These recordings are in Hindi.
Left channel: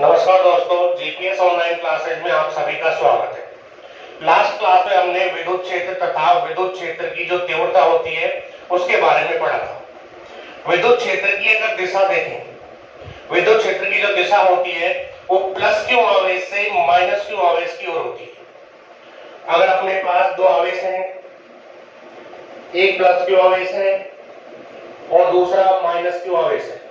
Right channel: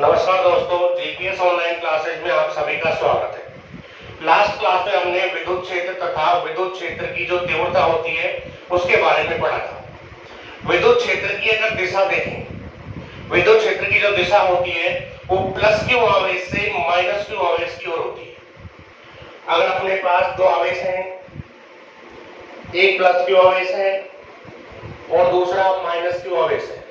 नमस्कार दोस्तों, जीपीएस ऑनलाइन क्लासेज में आप सभी का स्वागत है। लास्ट क्लास में हमने विद्युत क्षेत्र तथा विद्युत क्षेत्र की जो तीव्रता होती है उसके बारे में पढ़ा था। विद्युत क्षेत्र की अगर दिशा देखें, विद्युत क्षेत्र की जो दिशा होती है वो प्लस क्यू आवेश से माइनस क्यू आवेश की ओर होती है। अगर अपने पास दो आवेश हैं, एक प्लस क्यू आवेश है और दूसरा माइनस क्यू आवेश है,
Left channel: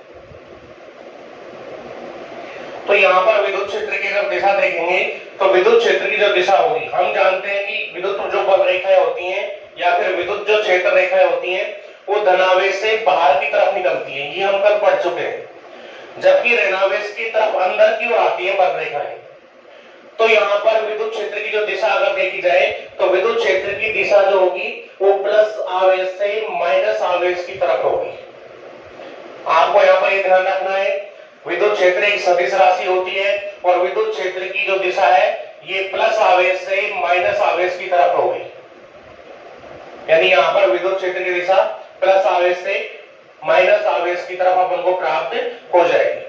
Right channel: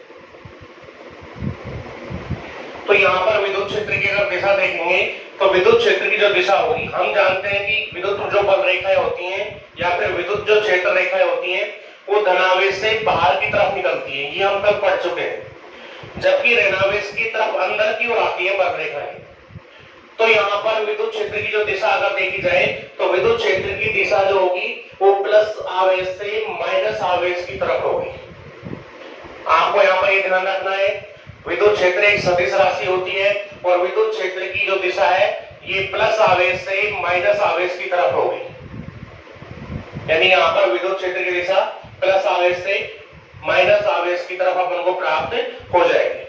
तो यहां पर विद्युत क्षेत्र की अगर दिशा देखेंगे तो विद्युत क्षेत्र की जो दिशा होगी, हम जानते हैं कि विद्युत जो बल रेखाएं होती हैं या फिर विद्युत जो क्षेत्र रेखाएं होती हैं वो धनावेश से बाहर की तरफ निकलती हैं, ये हम कल पढ़ चुके हैं। जबकि ऋणावेश की तरफ अंदर की ओर आती है बल रेखाएं। तो यहाँ पर विद्युत क्षेत्र की जो दिशा अगर देखी जाए तो विद्युत क्षेत्र की दिशा जो होगी वो प्लस आवेश से माइनस आवेश की तरफ होगी। आपको यहाँ पर ये ध्यान रखना है, विद्युत क्षेत्र एक सदिश राशि होती है और विद्युत क्षेत्र की जो दिशा है ये प्लस आवेश से माइनस आवेश की तरफ होगी। यानी यहाँ पर विद्युत क्षेत्र की दिशा प्लस आवेश से माइनस आवेश की तरफ अपन को प्राप्त हो जाएगी।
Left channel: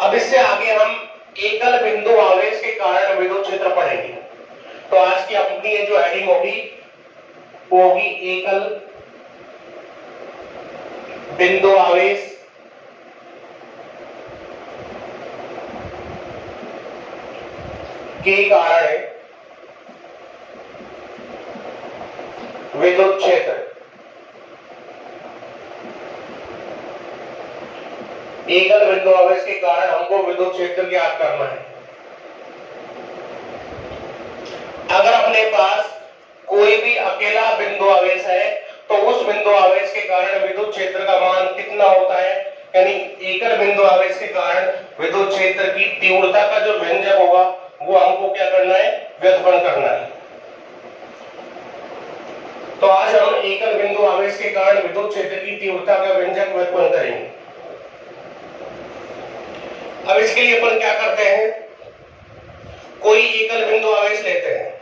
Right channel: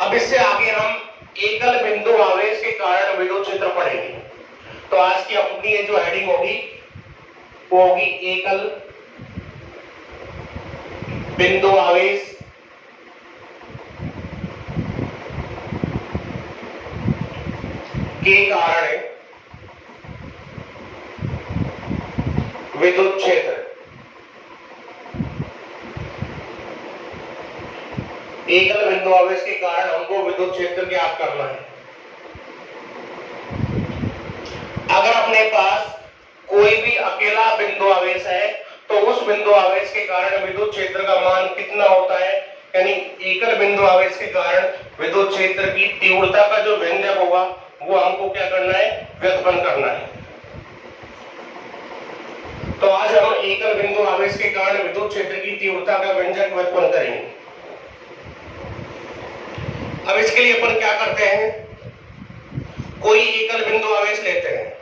अब इससे आगे हम एकल बिंदु आवेश के कारण विद्युत क्षेत्र पढ़ेंगे। तो आज की अपनी जो हेडिंग होगी वो होगी एकल बिंदु आवेश के कारण विद्युत क्षेत्र। एकल बिंदु आवेश के कारण हमको विद्युत क्षेत्र ज्ञात करना है। अगर अपने पास कोई भी अकेला बिंदु आवेश है तो उस बिंदु आवेश के कारण विद्युत क्षेत्र का मान कितना होता है, यानी एकल बिंदु आवेश के कारण विद्युत क्षेत्र की तीव्रता का जो व्यंजक होगा वो हमको क्या करना है, व्युत्पन्न करना है। तो आज हम एकल बिंदु आवेश के कारण विद्युत क्षेत्र की तीव्रता का व्यंजक व्युत्पन्न करेंगे। अब इसके लिए अपन क्या करते हैं, कोई एकल बिंदु आवेश लेते हैं।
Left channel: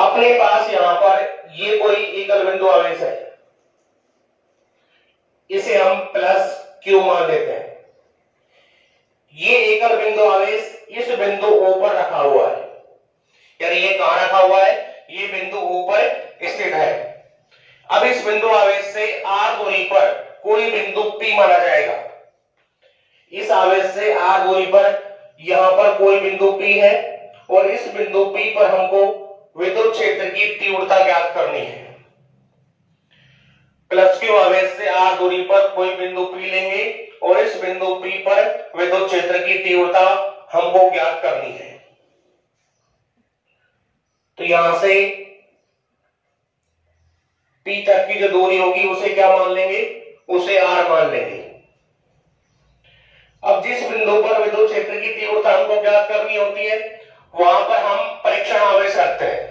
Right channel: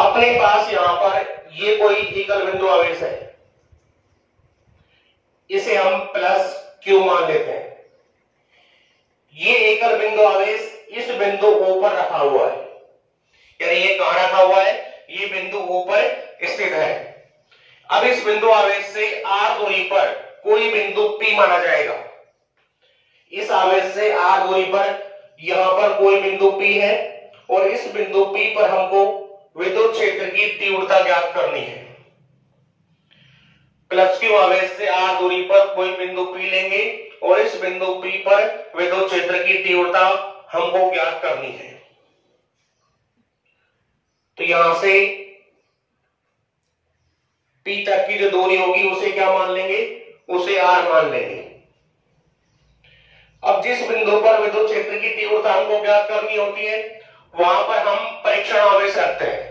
अपने पास यहां पर ये कोई एकल बिंदु आवेश है, इसे हम प्लस क्यू मान लेते हैं। ये एकल बिंदु आवेश इस बिंदु O पर रखा हुआ है, यानी ये कहां रखा हुआ है, ये बिंदु O पर स्थित है। अब इस बिंदु आवेश से r दूरी पर कोई बिंदु P माना जाएगा। इस आवेश से r दूरी पर यहां पर कोई बिंदु P है और इस बिंदु P पर हमको विद्युत क्षेत्र की तीव्रता ज्ञात करनी है। प्लस क्यू आवेश से r दूरी पर कोई बिंदु P लेंगे और इस बिंदु P पर विद्युत क्षेत्र की तीव्रता हमको ज्ञात करनी है। तो यहां से P तक की जो दूरी होगी उसे क्या मान लेंगे, उसे r मान लेंगे। अब जिस बिंदु पर विद्युत क्षेत्र की तीव्रता हमको ज्ञात करनी होती है वहां पर हम परीक्षण आवेश रखते हैं।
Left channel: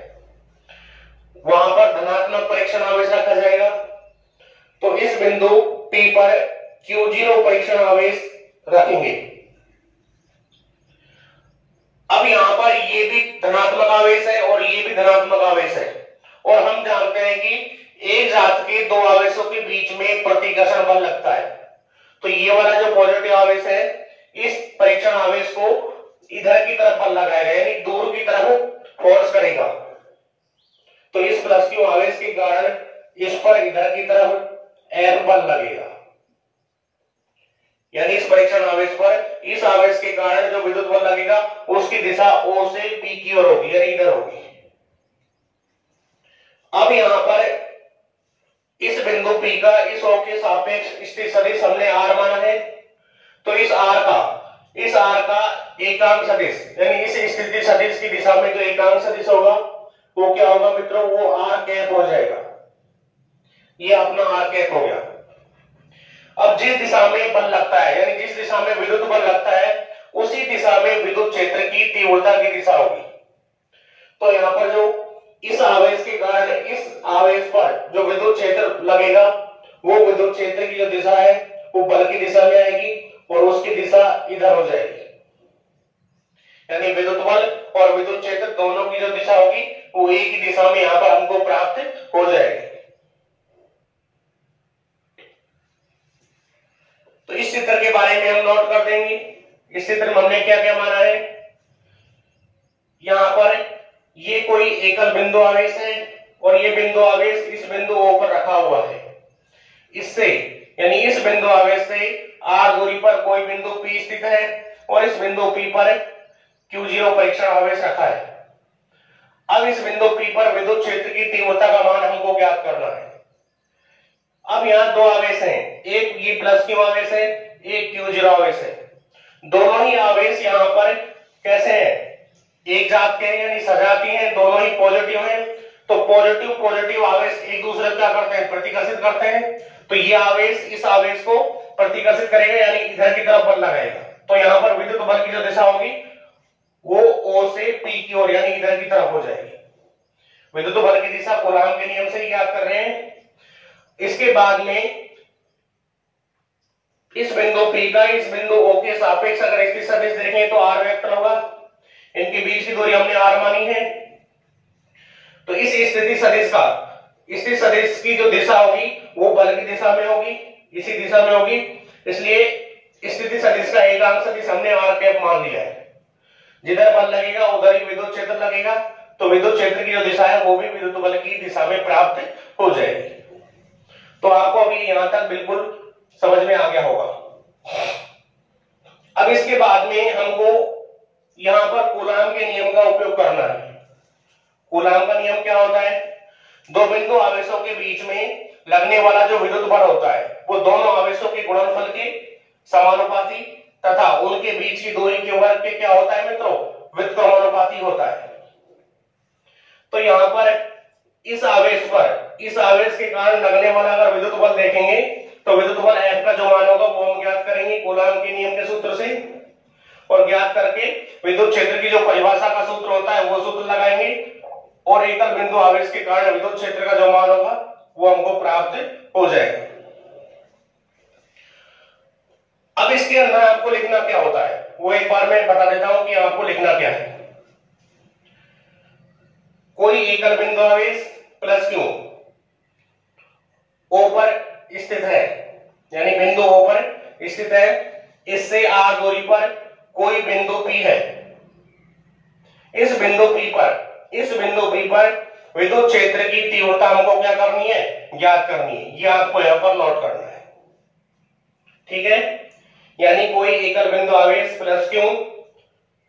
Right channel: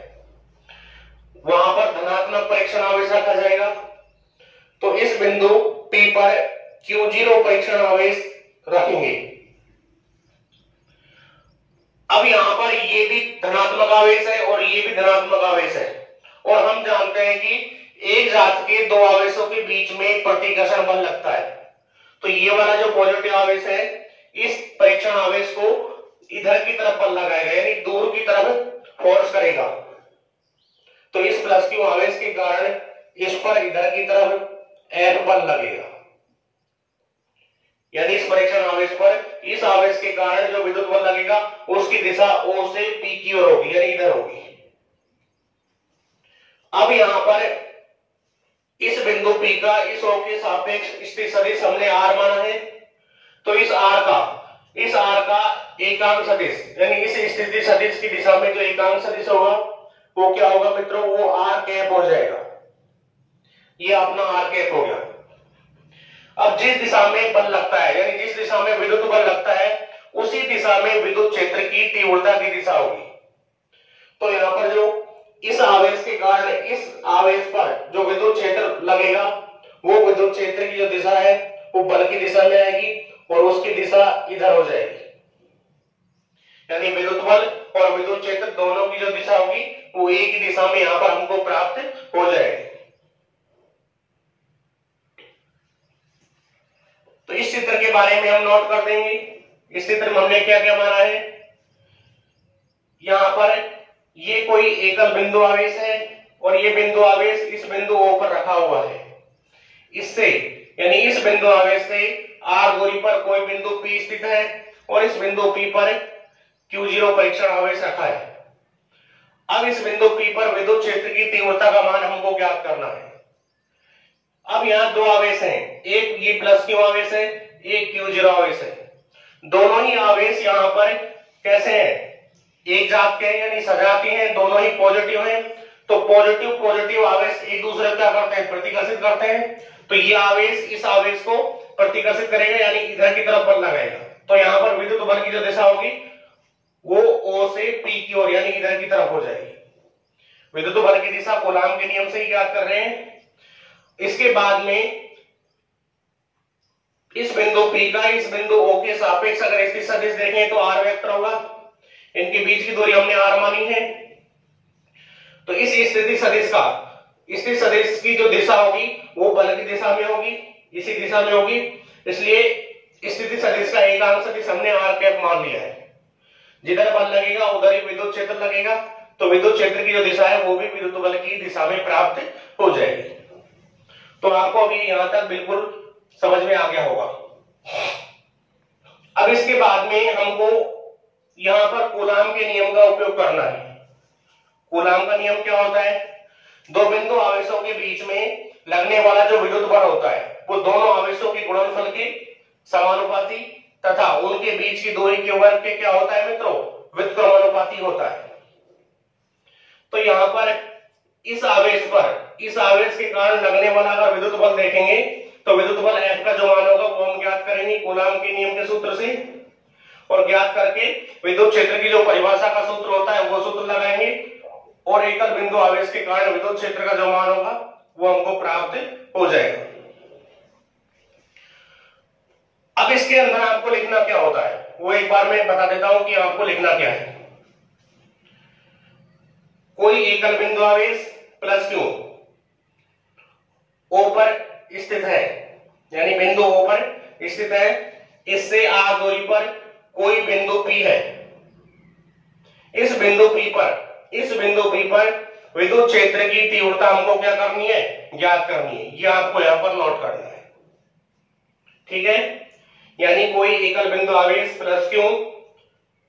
वहां पर धनात्मक परीक्षण आवेश रखा जाएगा। तो इस बिंदु P पर Q0 परीक्षण आवेश रखेंगे। अब यहां पर ये भी धनात्मक आवेश है और ये भी धनात्मक आवेश है और हम जानते हैं कि एक जात के दो आवेशों के बीच में प्रतिकर्षण बल लगता है। तो ये वाला जो पॉजिटिव आवेश है इस परीक्षण आवेश को इधर की तरफ बल लगाएगा, यानी दूर की तरफ फोर्स करेगा। तो इस प्लस क्यू आवेश के कारण इस पर इधर की तरफ F बल लगेगा, यानी इस परीक्षण आवेश पर इस आवेश के कारण जो विद्युत बल लगेगा उसकी दिशा O से P की ओर होगी, यानी इधर होगी। अब यहां पर इस बिंदु P का इस O के सापेक्ष स्थित सदिश हमने R माना है। तो इस R का एकांक सदिश, यानी इस स्थिति सदिश की दिशा में जो एकांक सदिश होगा वो क्या होगा मित्रों, वो r कैप हो जाएगा। ये अपना r कैप हो गया। अब जिस दिशा में बल लगता है, यानी जिस दिशा में विद्युत बल लगता है उसी दिशा में विद्युत क्षेत्र की तीव्रता की दिशा होगी। तो यहाँ पर जो इस आवेश के कारण इस आवेश पर जो विद्युत क्षेत्र लगेगा वो विद्युत क्षेत्र की जो दिशा है वो बल की दिशा में आएगी और उसकी दिशा इधर हो जाएगी। यानी विद्युत बल और विद्युत क्षेत्र दोनों की जो दिशा होगी वो एक ही दिशा में यहाँ पर हमको प्राप्त हो जाएगी। इस चित्र के बारे में हम नोट कर देंगे। इस चित्र में हमने क्या क्या माना है, यहां पर ये कोई एकल बिंदु आवेश है और ये बिंदु आवेश इस बिंदु O पर रखा हुआ है। इससे यानी इस बिंदु आवेश से r दूरी पर कोई बिंदु P स्थित है और इस बिंदु P पर Q0 परीक्षण आवेश रखा है। अब इस बिंदु P पर विद्युत क्षेत्र की तीव्रता का मान हमको ज्ञात करना है। अब यहाँ दो आवेश हैं, एक ये प्लस Q आवेश है, एक Q0 आवेश है। दोनों ही आवेश यहाँ पर कैसे हैं, एक जात के यानी सजाती हैं, दोनों ही पॉजिटिव हैं। तो पॉजिटिव पॉजिटिव आवेश एक दूसरे को क्या करते हैं, प्रतिकर्षित करते हैं। तो ये आवेश इस आवेश को प्रतिकर्षित करेगा यानी इधर की तरफ बल लगाएगा। तो यहाँ पर विद्युत बल की जो दिशा होगी वो O से P की ओर यानी इधर की तरफ हो जाएगी। विद्युत बल की दिशा कूलाम के नियम से याद कर रहे हैं। इसके बाद में इस बिंदु P का इस बिंदु O के सापेक्ष अगर स्थिति सदिश देखें तो r वेक्टर होगा। इनके बीच की दूरी हमने r मानी है। तो इस स्थिति सदिश का स्थिति सदिश की जो दिशा होगी वो बल की दिशा में होगी, इसी दिशा में होगी। इसलिए स्थिति सदिश का एकांक सदिश हमने r कैप मान लिया है। जिधर बल लगेगा उधर ही विद्युत क्षेत्र लगेगा। तो विद्युत क्षेत्र की जो दिशा है वो भी विद्युत बल की दिशा में प्राप्त हो जाएगी। तो आपको अभी यहां तक बिल्कुल समझ में आ गया होगा। अब इसके बाद में हमको यहां पर कूलाम के नियम का उपयोग करना है। कूलाम का नियम क्या होता है, दो बिंदु आवेशों के बीच में लगने वाला जो विद्युत बल होता है वो दोनों आवेशों के गुणनफल के समानुपाती तथा उनके बीच की दूरी के वर्ग के क्या होता है मित्रों, व्युत्क्रमानुपाती होता है। तो यहां पर इस आवेश के कारण लगने वाला अगर विद्युत बल देखेंगे तो विद्युत बल F का जो मान होगा वो हम ज्ञात करेंगे कूलाम के नियम के सूत्र से, और ज्ञात करके विद्युत क्षेत्र की जो परिभाषा का सूत्र होता है वो सूत्र लगाएंगे और एकल बिंदु आवेश के कारण विद्युत क्षेत्र का जो मान होगा वो हमको प्राप्त हो जाएगा। अब इसके अंदर आपको लिखना क्या होता है वो एक बार मैं बता देता हूं कि आपको लिखना क्या है। कोई एकल बिंदु आवेश प्लस Q O पर स्थित है यानी बिंदु O पर स्थित है, इससे r दूरी पर कोई बिंदु P है। इस बिंदु P पर विद्युत क्षेत्र की तीव्रता हमको क्या करनी है, ज्ञात करनी है। ये आपको यहां पर नोट करना है, ठीक है। यानी कोई एकल बिंदु आवेश प्लस Q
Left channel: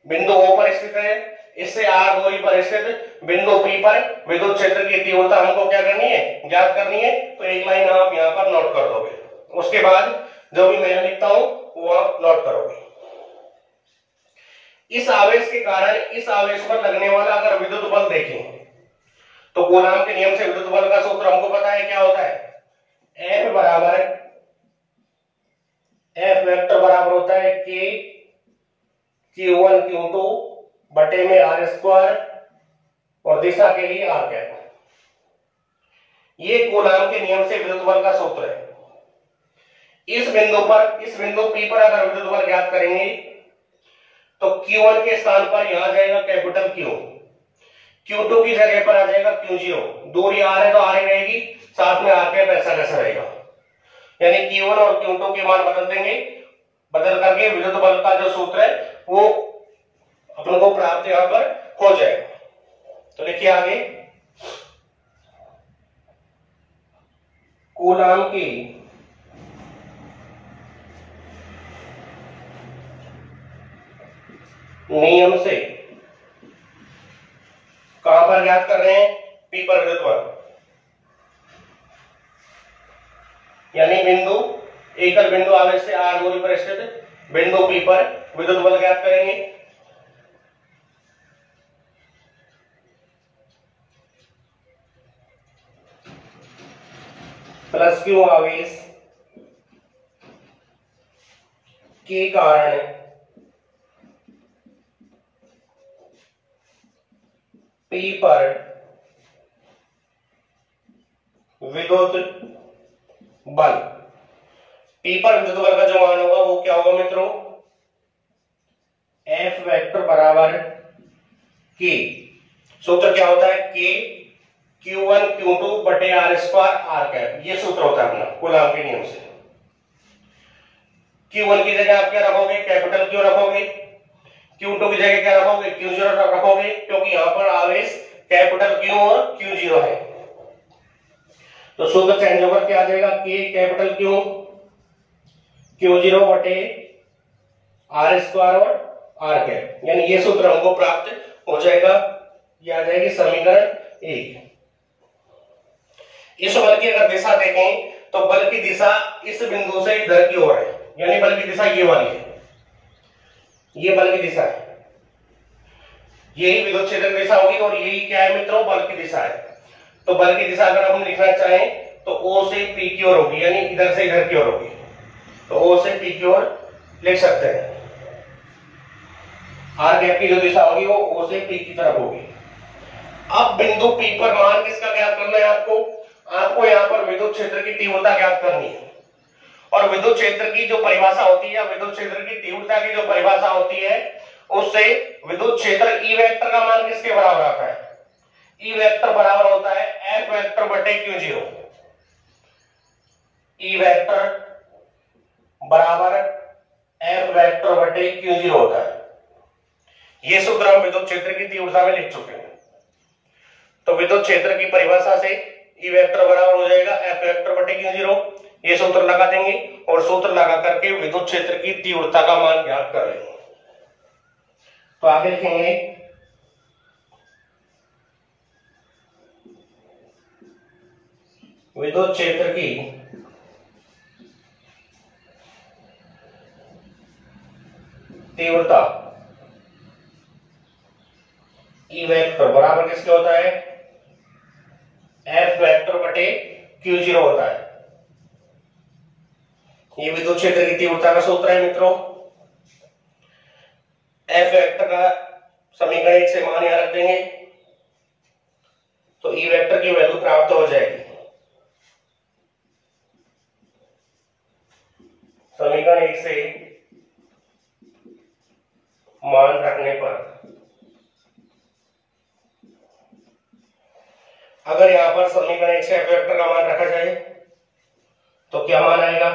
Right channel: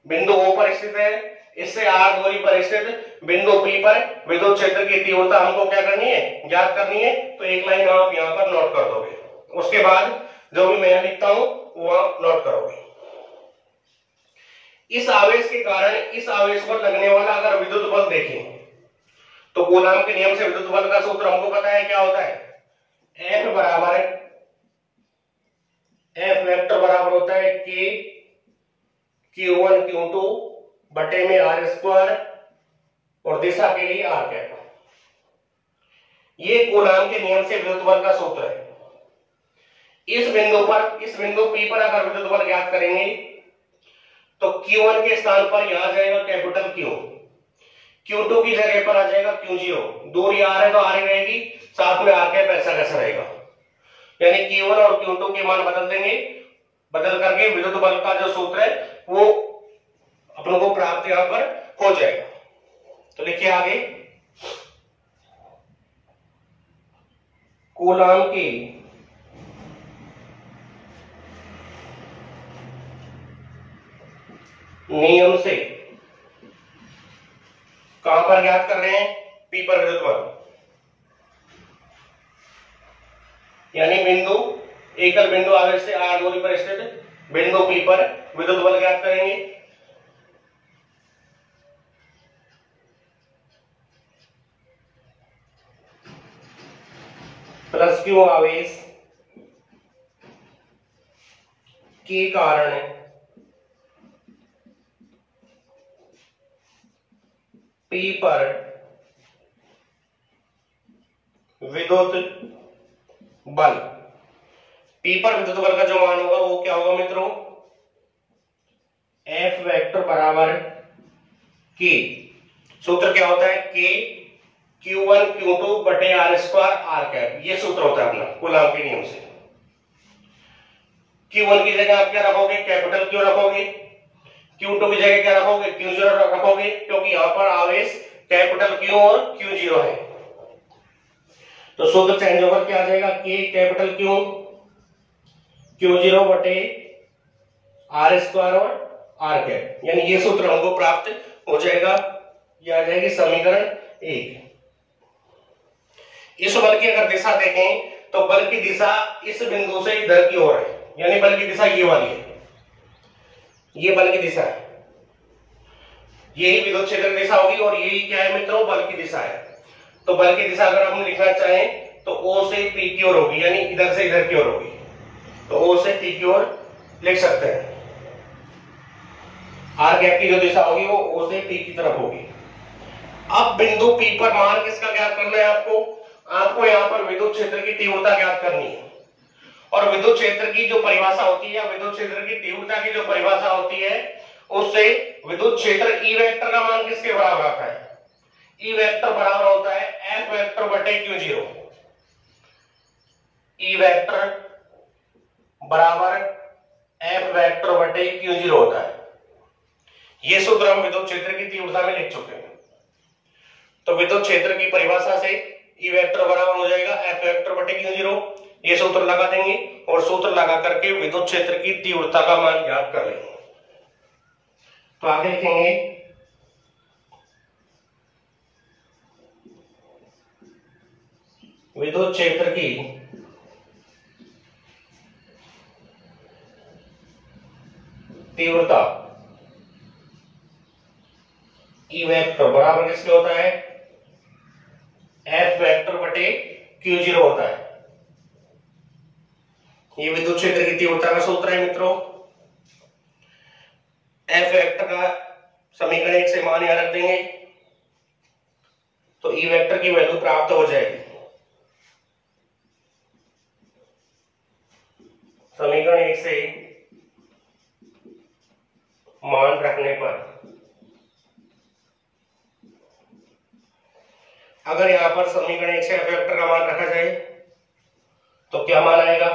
बिंदु O पर स्थित है, इससे r दूरी पर स्थित बिंदु P पर विद्युत क्षेत्र की तीव्रता हमको क्या करनी है, ज्ञात करनी है। तो एक लाइन आप यहां पर नोट कर दोगे, उसके बाद जो भी मैं लिखता हूं वो नोट करोगे। इस आवेश के कारण इस आवेश पर लगने वाला अगर विद्युत बल देखें तो कूलाम के नियम से विद्युत बल का सूत्र हमको पता है क्या होता है, F बराबर F वेक्टर बराबर होता है K Q1 Q2 बटे में r स्क्वायर और दिशा के लिए r कैप। ये कूलाम के नियम से विद्युत बल का सूत्र है। इस बिंदु P पर अगर विद्युत बल ज्ञात करेंगे तो Q1 के स्थान पर यहां जाएगा कैपिटल Q, Q2 की जगह पर आ जाएगा Q0। दूरी r है तो r ही रहेगी, साथ में r कैप ऐसा कैसा रहेगा। यानी Q1 और Q2 के मान बदल देंगे, बदल करके विद्युत बल का जो सूत्र है वो अपन को प्राप्त यहां पर हो जाएगा। तो लिखिए आगे, कूलाम की नियम से कहां पर ज्ञात कर रहे हैं, P पर विद्युत बल, यानी एकल बिंदु आवेश से r दूरी पर स्थित बिंदु P पर विद्युत बल ज्ञात करेंगे। प्लस Q आवेश के कारण P पर विद्युत बल, P पर विद्युत बल का जो मान होगा वो क्या होगा मित्रों, F वेक्टर बराबर K, सूत्र क्या होता है K Q1 Q2 बटे r स्क्वायर r कैप, ये सूत्र होता है अपना कूलाम के नियम से। Q1 की जगह आप क्या रखोगे, कैपिटल Q रखोगे, Q2 की जगह क्या रखोगे, Q0 रखोगे, क्योंकि यहां पर आवेश कैपिटल Q और Q0 है। तो सूत्र चेंज होकर क्या आ जाएगा, K कैपिटल Q Q0 बटे R स्क्वायर और R कैप, यानी ये सूत्र हमको प्राप्त हो जाएगा। ये आ जाएगी समीकरण 1। इस बल की अगर दिशा देखें तो बल की दिशा इस बिंदु से इधर की ओर है, यानी बल की दिशा ये वाली है, ये बल की दिशा है, यही विद्युत क्षेत्र की दिशा होगी और यही क्या है मित्रों, बल की दिशा है। तो बल की दिशा अगर हम लिखना चाहें तो O से P की ओर होगी, यानी इधर से इधर की ओर होगी, तो O से P की ओर लिख सकते हैं। R गैप की जो दिशा होगी वो O से P की तरफ होगी। अब बिंदु P पर मान किसका ज्ञात करना है आपको, आपको यहां पर विद्युत क्षेत्र की तीव्रता ज्ञात करनी है। और विद्युत क्षेत्र की जो परिभाषा होती है, या विद्युत क्षेत्र की तीव्रता की जो परिभाषा होती है, उससे विद्युत क्षेत्र ई वेक्टर का मान किसके बराबर आता है, ई वेक्टर बराबर होता है एफ वेक्टर बटे Q0। ई वेक्टर बराबर एफ वेक्टर बटे Q0 होता है। यह सूत्र हम विद्युत क्षेत्र की तीव्रता में लिख चुके हैं। तो विद्युत क्षेत्र की परिभाषा से ई वेक्टर बराबर हो जाएगा एफ वेक्टर बटे Q0। ये सूत्र लगा देंगे और सूत्र लगा करके विद्युत क्षेत्र की तीव्रता का मान ज्ञात कर लेंगे। तो आगे लिखेंगे विद्युत क्षेत्र की तीव्रता ई वेक्टर बराबर किसके होता है, एफ वेक्टर बटे Q0 होता है। ये विद्युत क्षेत्र की तीव्रता का सूत्र है मित्रों। एफ वेक्टर का समीकरण 1 से मान यहां रख देंगे तो ई वेक्टर की वैल्यू प्राप्त हो जाएगी। समीकरण 1 से मान रखने पर अगर यहां पर समीकरण 1 से एफ वेक्टर का मान रखा जाए तो क्या मान आएगा,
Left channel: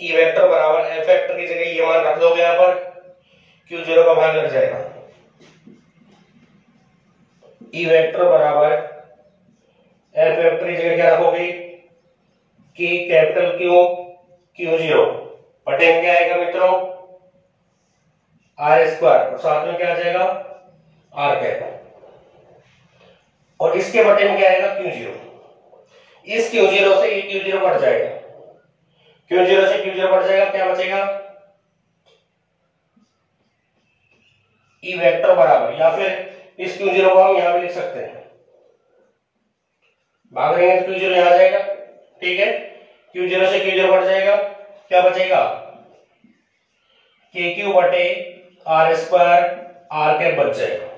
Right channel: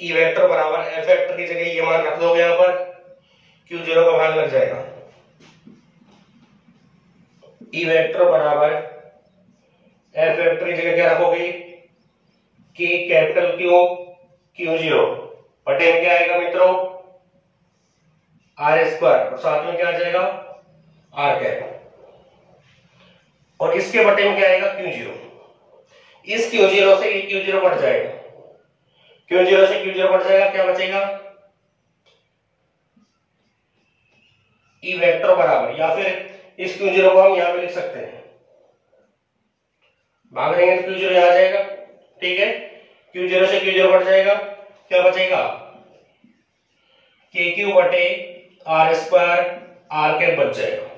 ई वेक्टर बराबर एफ वेक्टर की जगह ये मान रख दोगे, यहां पर Q0 का भाग लग जाएगा। ई वेक्टर बराबर एफ वेक्टर की जगह क्या रखोगे, K कैपिटल Q Q0 बटे में क्या आएगा मित्रों, R स्क्वायर, और साथ में क्या आ जाएगा R कैप, और इसके बटे में क्या आएगा Q0। इस Q0 से ये Q0 बढ़ जाएगा, Q0 से Q0 बढ़ जाएगा, क्या बचेगा, ई वेक्टर बराबर, या फिर इस Q0 को हम यहां पे लिख सकते हैं, भाग देंगे तो Q0 यहां आ जाएगा, ठीक है। Q0 से Q0 बढ़ जाएगा, क्या बचेगा, KQ बटे R स्क्वायर R कैप बच जाएगा।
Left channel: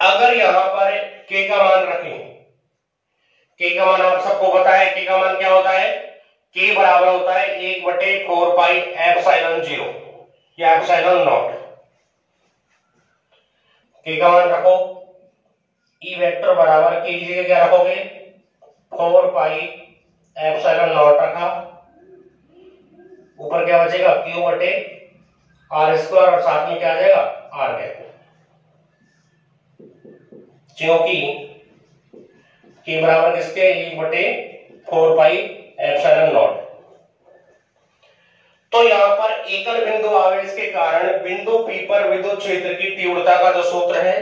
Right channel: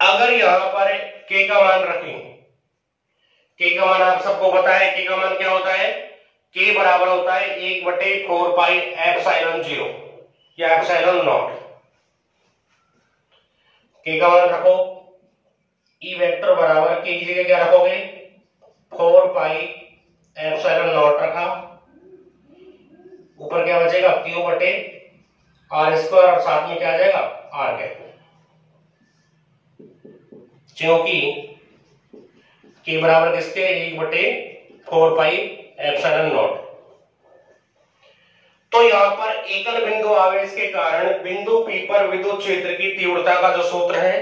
अगर यहां पर K का मान रखें, K का मान आप सबको पता है, K का मान क्या होता है, K बराबर होता है 1/4 पाई एप्सिलॉन 0 या एप्सिलॉन नॉट। K का मान रखो, ई वेक्टर बराबर K की जगह क्या रखोगे, 4 पाई एप्सिलॉन नॉट रखा, ऊपर क्या बचेगा Q बटे R स्क्वायर, और साथ में क्या आ जाएगा R कैप, क्योंकि K बराबर किसके, 1/4 पाई एप्सिलॉन नॉट। तो यहां पर एकल बिंदु आवेश के कारण बिंदु P पर विद्युत क्षेत्र की तीव्रता का जो सूत्र है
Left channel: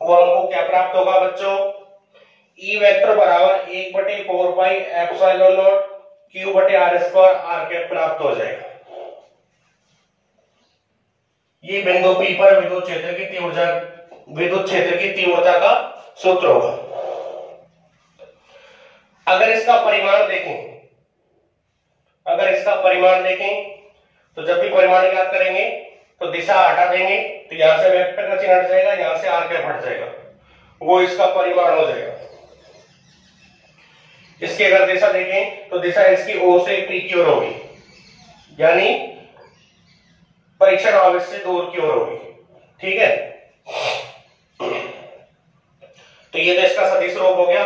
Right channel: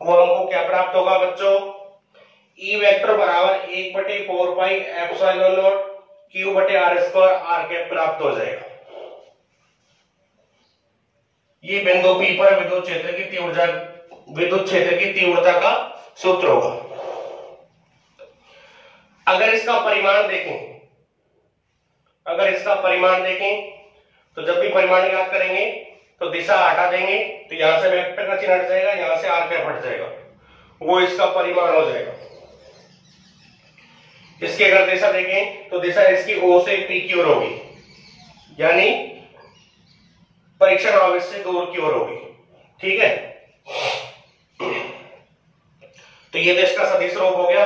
वो हमको क्या प्राप्त होगा बच्चों, ई वेक्टर बराबर 1/4 पाई एप्सिलॉन नॉट Q बटे R स्क्वायर R कैप प्राप्त हो जाएगा। ये बिंदु P पर विद्युत क्षेत्र की तीव्रता का सूत्र होगा। अगर इसका परिमाण देखें, तो जब भी परिमाण ज्ञात करेंगे तो दिशा हटा देंगे, तो यहां से वेक्टर का चिन्ह हट जाएगा, यहां से R कैप हट जाएगा, वो इसका परिमाण हो जाएगा। इसकी अगर दिशा देखें तो दिशा इसकी O से P की ओर होगी, यानी परीक्षण आवेश से दूर की ओर होगी, ठीक है। तो ये तो इसका सदिश रूप हो गया।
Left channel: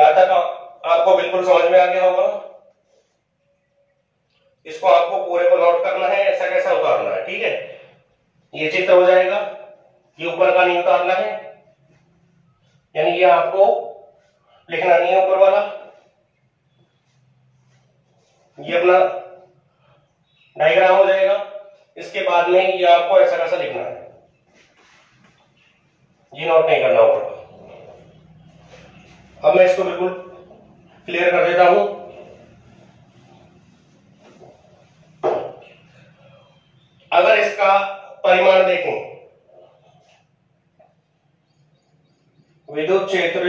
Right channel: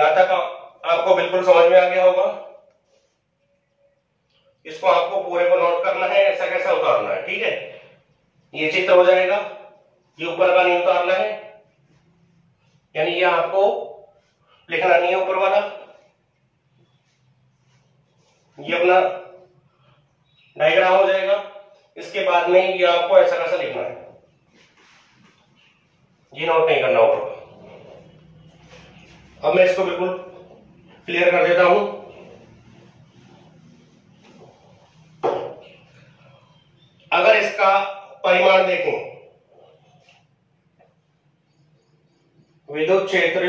यहां तक आपको बिल्कुल समझ में आ गया होगा। इसको आपको पूरे को नोट करना है, ऐसा कैसा उतारना है, ठीक है। ये चित्र हो जाएगा, ये ऊपर का नहीं उतारना है, यानी ये आपको लिखना नहीं है ऊपर वाला। ये अपना डायग्राम हो जाएगा। इसके बाद में ये आपको ऐसा कैसा लिखना है, ये नोट नहीं करना ऊपर। अब मैं इसको बिल्कुल क्लियर कर देता हूं। अगर इसका परिमाण देखें, विद्युत क्षेत्र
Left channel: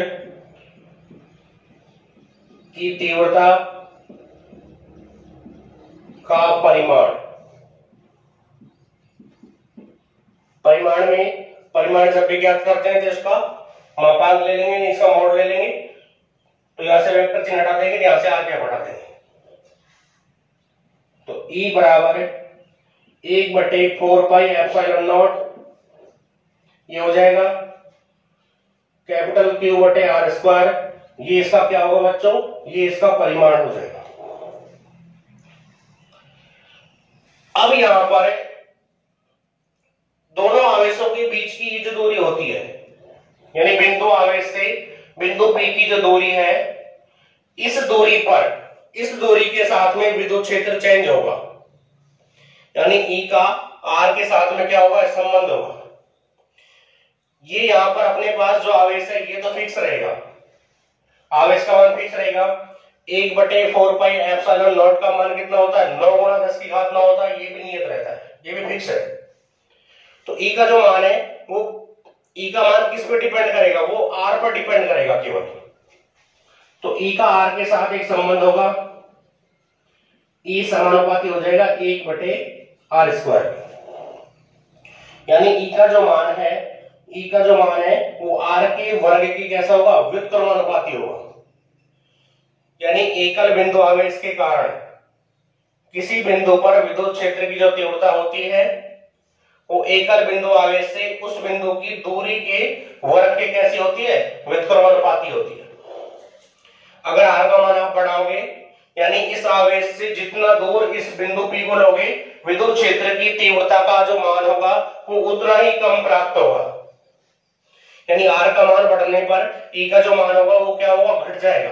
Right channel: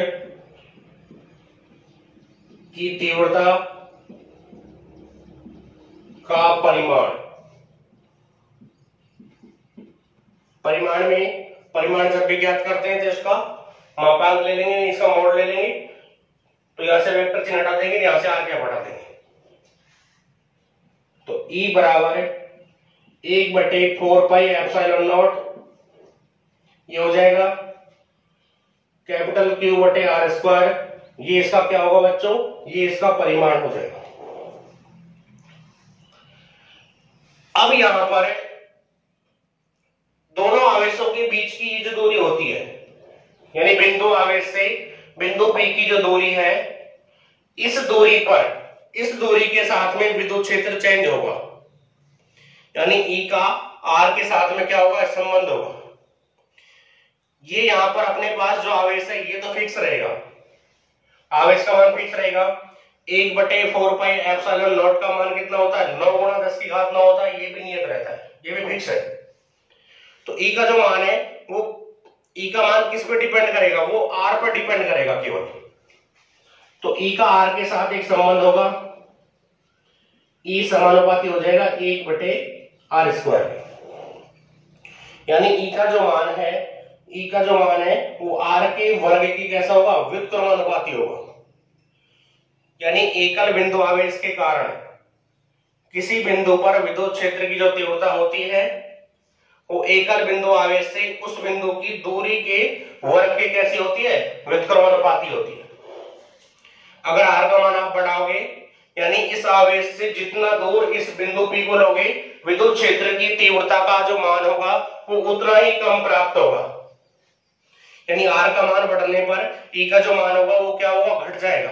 की तीव्रता का परिमाण, परिमाण में परिमाण जब भी ज्ञात करते हैं तो इसका मापांक ले लेंगे, इसका मोड ले लेंगे, तो यहां से वेक्टर चिन्ह हटा देंगे, यहां से आगे बढ़ा देंगे। तो E बराबर 1/4πε0 ये हो जाएगा कैपिटल Q/R²। ये इसका क्या होगा बच्चों, ये इसका परिमाण हो जाएगा। अब यहां पर दोनों आवेशों के बीच की ये जो दूरी होती है, यानी बिंदु आवेश से बिंदु P की जो दूरी है, इस दूरी पर, इस दूरी के साथ में विद्युत क्षेत्र चेंज होगा, यानी E का R के साथ में क्या होगा, संबंध होगा। ये यहां पर अपने पास जो आवेश है ये तो फिक्स रहेगा, आवेश का मान फिक्स रहेगा। 1/4πε0 का मान कितना होता है, 9 × 10⁻9 होता है, ये भी नियत रहता है, ये भी फिक्स है। तो E का जो मान है वो, E का मान किस पर डिपेंड करेगा, वो R पर डिपेंड करेगा केवल। तो E का R के साथ एक संबंध होगा, E समानुपाती हो जाएगा 1/R², यानी E का जो मान है, E का जो मान है वो R के वर्ग की कैसा होगा, व्युत्क्रमानुपाती होगा। यानी एकल बिंदु आवेश के कारण किसी बिंदु पर विद्युत क्षेत्र की जो तीव्रता होती है वो एकल बिंदु आवेश से उस बिंदु की दूरी के वर्ग के कैसी होती है, व्युत्क्रमानुपाती होती है। अगर R का मान आप बढ़ाओगे, यानी इस आवेश से जितना दूर इस बिंदु P को लोगे, विद्युत क्षेत्र की तीव्रता का जो मान होगा वो उतना ही कम प्राप्त होगा। यानी R का मान बढ़ने पर E का जो मान होगा वो क्या होगा, घट जाएगा।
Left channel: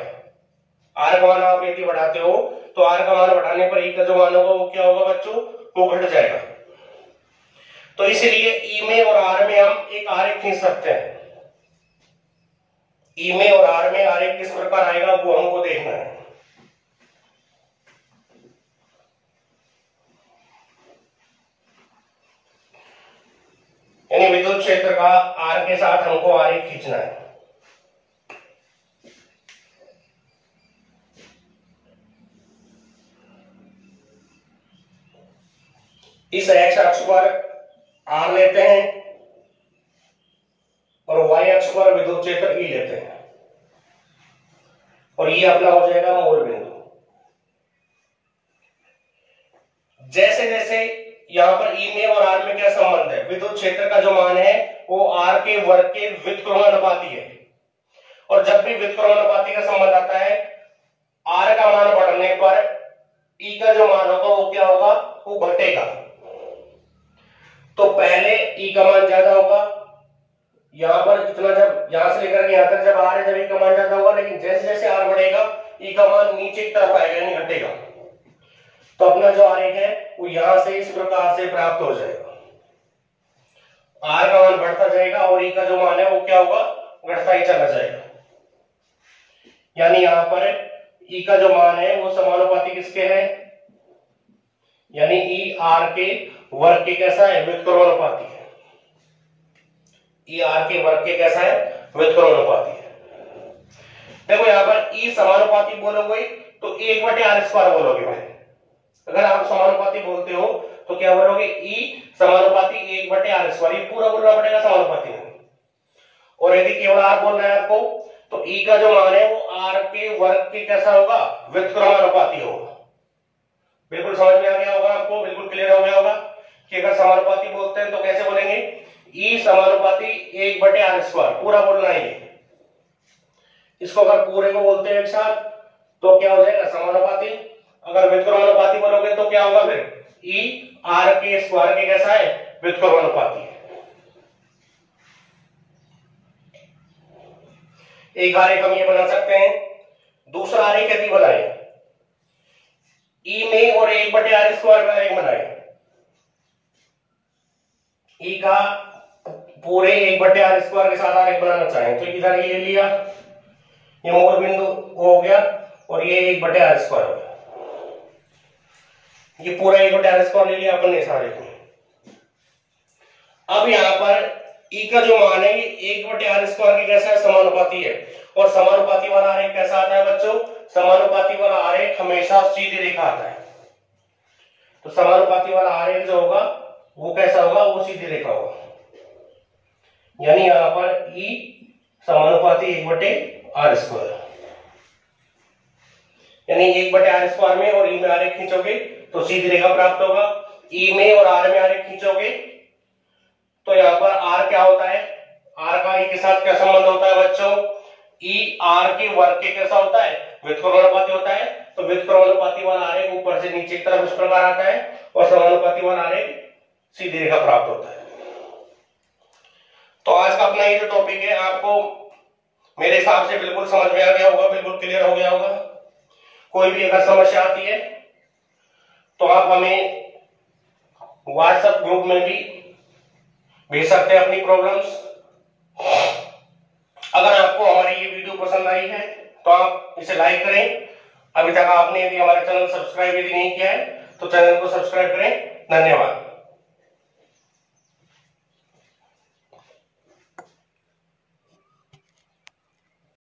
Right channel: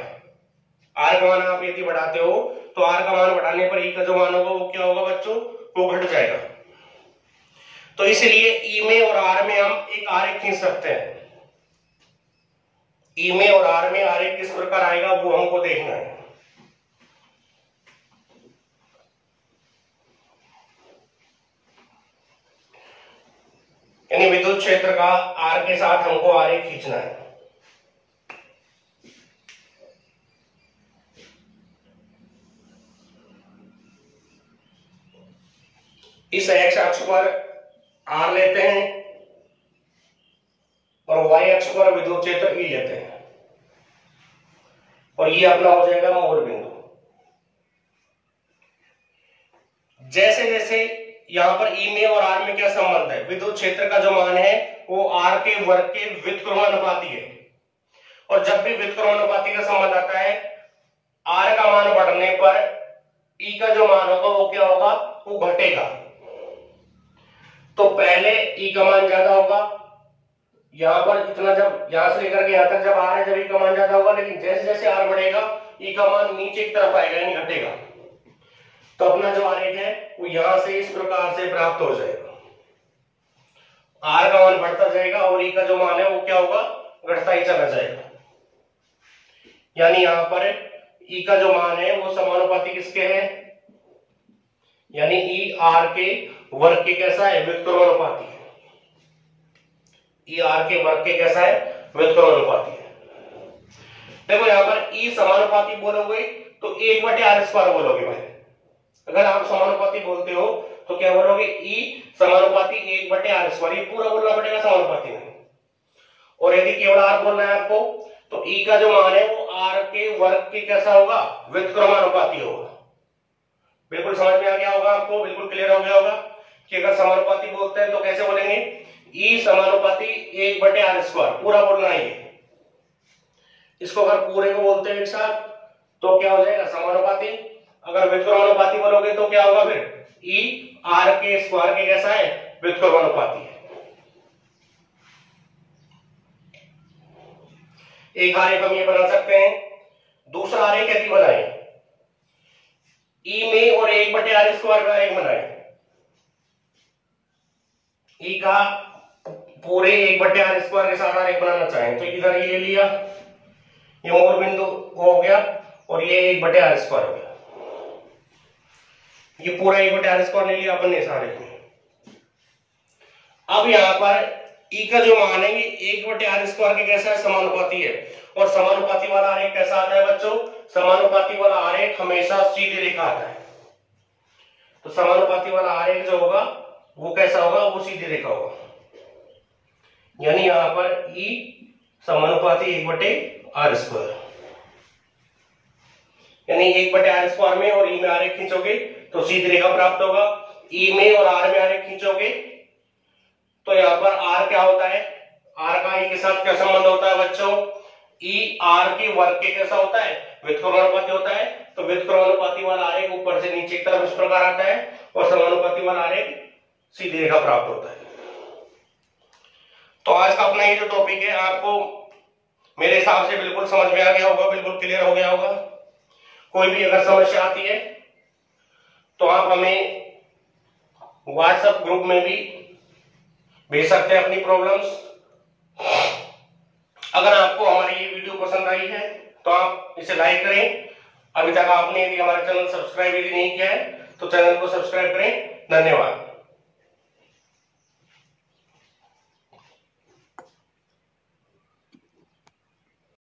R का मान आप यदि बढ़ाते हो तो R का मान बढ़ाने पर E का जो मान होगा वो क्या होगा बच्चों, वो घट जाएगा। तो इसलिए E में और R में हम एक आरेख खींच सकते हैं। E में और R में आरेख किस प्रकार आएगा वो हमको देखना है। यानी विद्युत क्षेत्र का R के साथ हमको आरेख खींचना है। इस x अक्ष पर R लेते हैं और y अक्ष पर विद्युत क्षेत्र E लेते हैं, और ये अपना हो जाएगा मूल बिंदु। जैसे जैसे यहां पर E में और R में क्या संबंध है, विद्युत क्षेत्र का जो मान है वो R के वर्ग के व्युत्क्रमानुपाती है, और जब भी व्युत्क्रमानुपाती का संबंध आता है, R का मान बढ़ने पर E का जो मान होगा वो क्या होगा, वो घटेगा। तो पहले E का मान ज्यादा होगा, यहां पर इतना, जब यहां से लेकर के यहां तक जब R है, जब E का मान ज्यादा होगा, लेकिन जैसे जैसे R बढ़ेगा E का मान नीचे की तरफ आएगा, यानी घटेगा। तो अपना जो आरेख है वो यहां से इस प्रकार से प्राप्त हो जाएगा। R का मान बढ़ता जाएगा और E का जो मान है वो क्या होगा, घटता ही चला जाएगा। यानी यहां पर E का जो मान है वो समानुपाती किसके है, यानी E R के वर्ग के कैसा है, व्युत्क्रमानुपाती है। E R के वर्ग के कैसा है, व्युत्क्रमानुपाती है। देखो यहां पर E समानुपाती बोलोगे तो 1/R² बोलोगे भाई। अगर आप समानुपाती बोलते हो तो क्या बोलोगे, E समानुपाती 1/R², ये पूरा बोलना पड़ेगा समानुपाती में। और यदि केवल R बोलना है आपको तो E का जो मान है वो R के वर्ग के कैसा होगा, व्युत्क्रमानुपाती होगा। बिल्कुल समझ में आ गया होगा आपको, बिल्कुल क्लियर हो गया होगा कि अगर समानुपाती बोलते हैं तो कैसे बोलेंगे, E समानुपाती 1/R², पूरा बोलना है। इसको अगर पूरे को बोलते हैं एक साथ तो क्या हो जाएगा, समानुपाती। अगर व्युत्क्रमानुपाती बोलोगे तो क्या होगा फिर, ई आर के स्क्वायर के कैसा है, व्युत्क्रमानुपाती है। एक आरेख हम ये बना सकते हैं। दूसरा आरेख यदि बनाए, ई में और 1/r स्क्वायर का आरेख बनाए, ई का पूरे 1/r स्क्वायर के साथ आरेख बनाना चाहें तो इधर ये लिया, ये मोर बिंदु हो गया और ये 1/r स्क्वायर हो गया, ये पूरा 1/r स्क्वायर ले लिया अपन इस आरेख में। अब यहां पर ई का जो मान है ये 1/r स्क्वायर के कैसा है, समानुपाती है। और समानुपाती वाला आरेख कैसा आता है बच्चों, समानुपाती वाला आरेख हमेशा सीधी रेखा आता है। तो समानुपाती वाला आरेख जो होगा वो कैसा होगा, वो सीधी रेखा होगा। यानी यहां पर ई समानुपाती 1/r स्क्वायर, यानी 1/r स्क्वायर में और ई में आरेख खींचोगे तो सीधी रेखा प्राप्त होगा। ई में और आर में आरेख खींचोगे तो यहाँ पर आर क्या होता है, आर का ई के साथ क्या संबंध होता है बच्चों, ई आर के वर्ग के कैसा होता है, व्युत्क्रमानुपाती होता है। तो व्युत्क्रमानुपाती वाला आरेख ऊपर से नीचे की तरफ इस प्रकार आता है और समानुपाती वाला आरेख सीधी रेखा प्राप्त होता है। तो आज का अपना ये जो टॉपिक है आपको मेरे हिसाब से बिल्कुल समझ में आ गया होगा, बिल्कुल क्लियर हो गया होगा। कोई भी अगर समस्या आती है तो आप हमें व्हाट्सएप ग्रुप में भी भेज सकते हैं अपनी प्रॉब्लम्स। अगर आपको हमारी ये वीडियो पसंद आई है तो आप इसे लाइक करें। अभी तक आपने यदि हमारा चैनल सब्सक्राइब यदि नहीं किया है तो चैनल को सब्सक्राइब करें। धन्यवाद।